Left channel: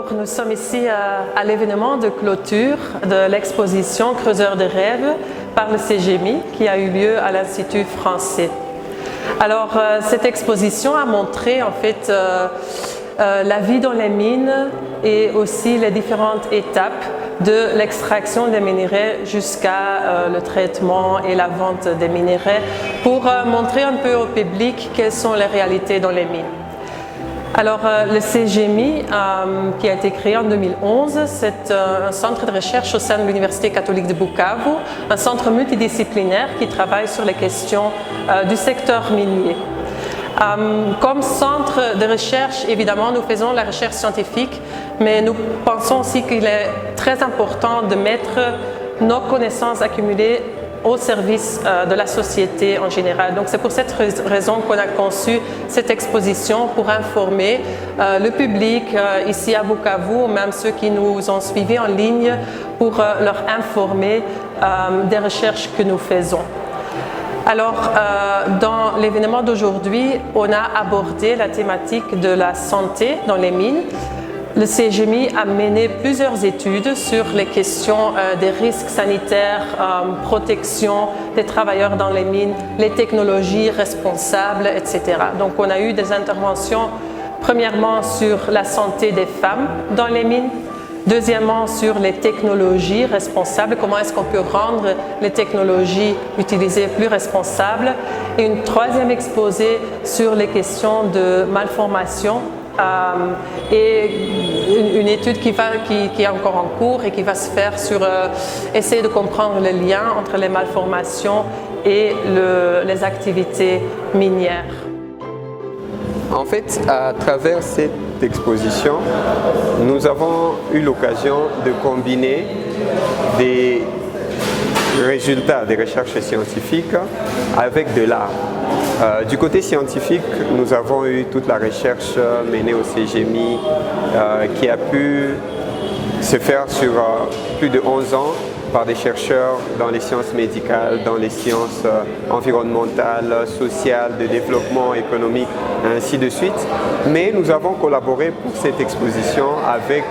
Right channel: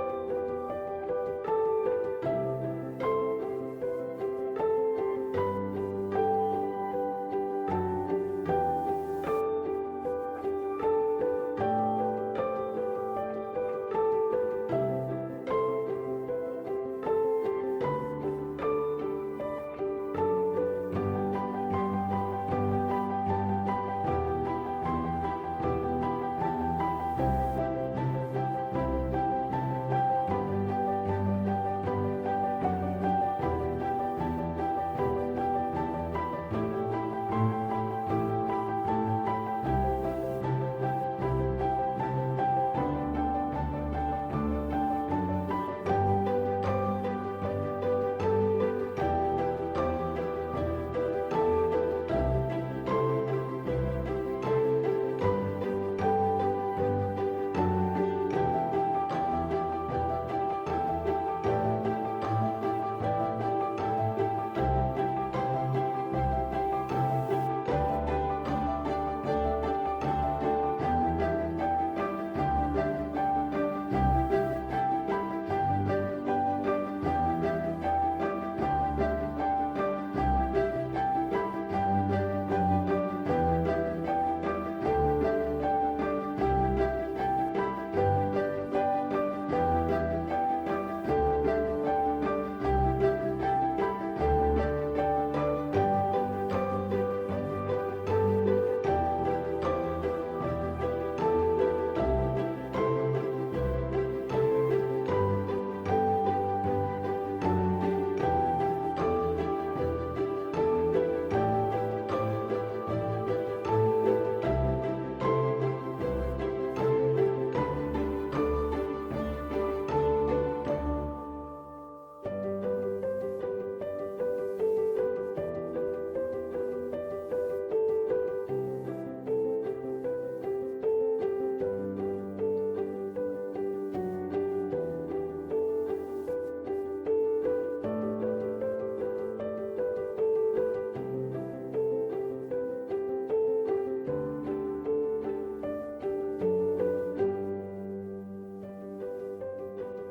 Bonjour, nous sommes ici à l'événement de clôture de l'exposition Creuseurs de rêves par le CGMI qui a eu lieu à l'Institut français. Alors cette exposition a montré en fait la vie dans les mines et aussi les différentes étapes de l'extraction des minerais jusqu'à le traitement et la vente des minerais pour montrer un peu au public quelles sont les réalités dans les mines. Alors le CGMI qui a été créé en 2011, c'est un centre de recherche au sein de l'Université catholique de Bukavu, un centre multidisciplinaire qui travaille sur les questions du secteur minier. Comme centre de recherche, évidemment, nous faisons la recherche scientifique, mais nous pensons aussi qu'il est très important de mettre nos connaissances accumulées au service de la société en général. Donc c'est pour cette raison qu'on a conçu cette exposition pour informer le public ici à Bukavu, même ceux qui nous ont suivis en ligne, pour leur informer des recherches que nous faisons. Alors, dans l'événement d'aujourd'hui, on a abordé la thématique de la santé dans les mines. Le CGMI a mené plusieurs études sur les questions des risques sanitaires, protection des travailleurs dans les mines, les technologies responsables, etc. Donc on a eu des interventions, premièrement sur la santé des femmes dans les mines, deuxièmement sur les technologies responsables, comment est-ce qu'on peut rendre les technologies utilisées plus responsables, et une troisième exposé sur les questions de malformation et une étude qui est encore en cours et qui va se faire sur essayer de comprendre le lien entre les malformations et les activités minières. En fait, à travers cette exposition, nous avons eu l'occasion de combiner des résultats des recherches scientifiques avec de l'art. Du côté scientifique, nous avons eu toute la recherche menée au CGMI qui a pu se faire sur plus de 11 ans par des chercheurs dans les sciences médicales, dans les sciences environnementales, sociales, de développement économique, ainsi de suite. Mais nous avons collaboré pour cette exposition avec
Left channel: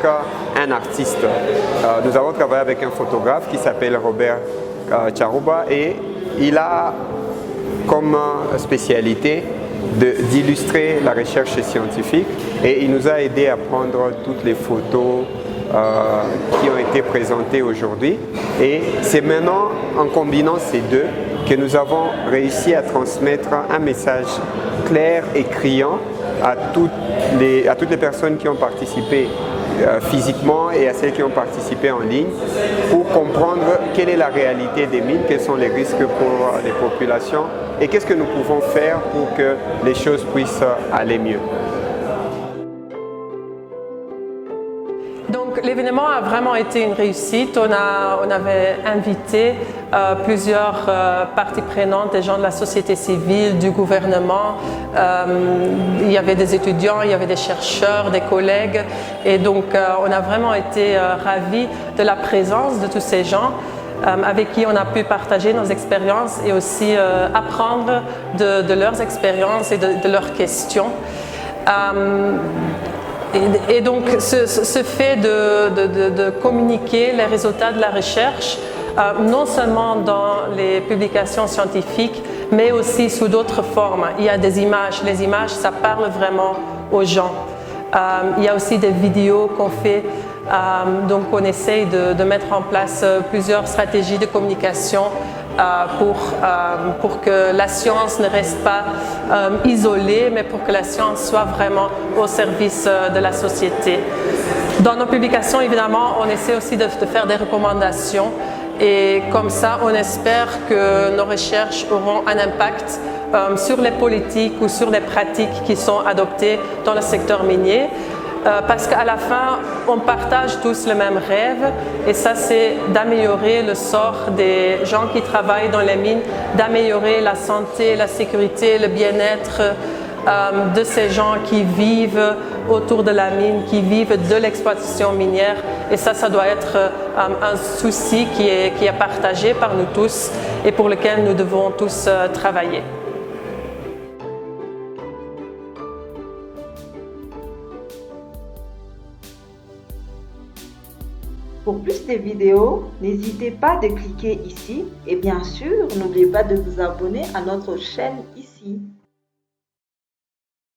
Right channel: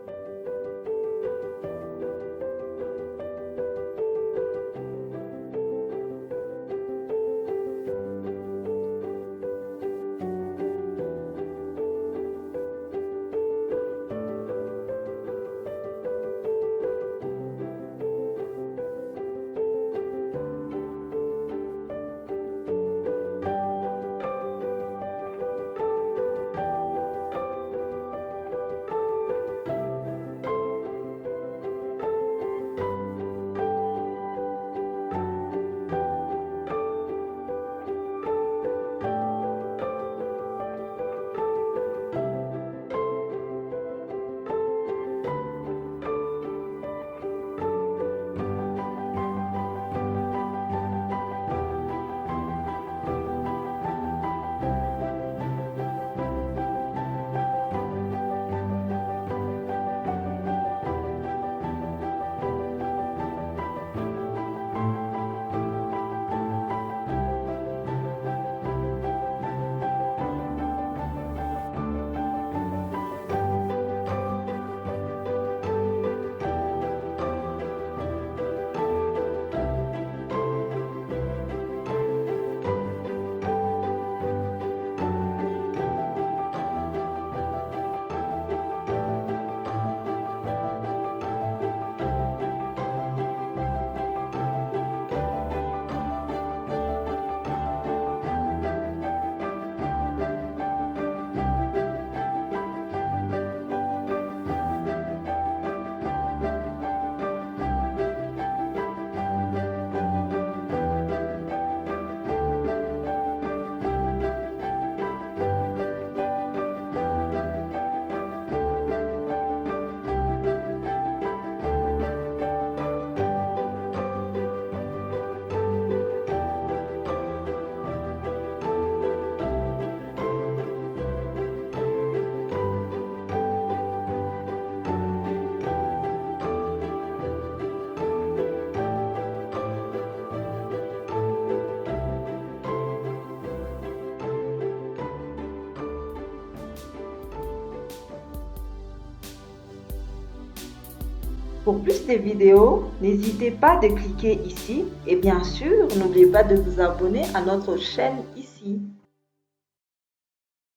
un artiste. Nous avons travaillé avec un photographe qui s'appelle Robert Charuba et il a comme spécialité d'illustrer la recherche scientifique et il nous a aidé à prendre toutes les photos qui ont été présentées aujourd'hui. Et c'est maintenant en combinant ces deux que nous avons réussi à transmettre un message clair et criant à toutes les personnes qui ont participé physiquement et à celles qui ont participé en ligne pour comprendre quelle est la réalité des mines, quels sont les risques pour les populations et qu'est-ce que nous pouvons faire pour que les choses puissent aller mieux. Donc l'événement a vraiment été une réussite. On avait invité plusieurs parties prenantes, des gens de la société civile, du gouvernement. Il y avait des étudiants, il y avait des chercheurs, des collègues. Et donc on a vraiment été ravis de la présence de tous ces gens avec qui on a pu partager nos expériences et aussi apprendre de leurs expériences et de leurs questions. Et donc ce fait de communiquer les résultats de la recherche, non seulement dans les publications scientifiques, mais aussi sous d'autres formes. Il y a des images, les images ça parle vraiment aux gens. Il y a aussi des vidéos qu'on fait, donc on essaye de mettre en place plusieurs stratégies de communication pour que la science ne reste pas isolée, mais pour que la science soit vraiment au service de la société. Dans nos publications, évidemment, on essaie aussi de faire des recommandations et comme ça, on espère que nos recherches auront un impact sur les politiques ou sur les pratiques qui sont adoptées dans le secteur minier. Parce qu'à la fin, on partage tous le même rêve et ça c'est d'améliorer le sort des gens qui travaillent dans les mines, d'améliorer la santé, la sécurité, le bien-être de ces gens qui vivent autour de la mine, qui vivent de l'exploitation minière. Et ça doit être un souci qui est partagé par nous tous et pour lequel nous devons tous travailler. Pour plus de vidéos, n'hésitez pas de cliquer ici et bien sûr, n'oubliez pas de vous abonner à notre chaîne ici.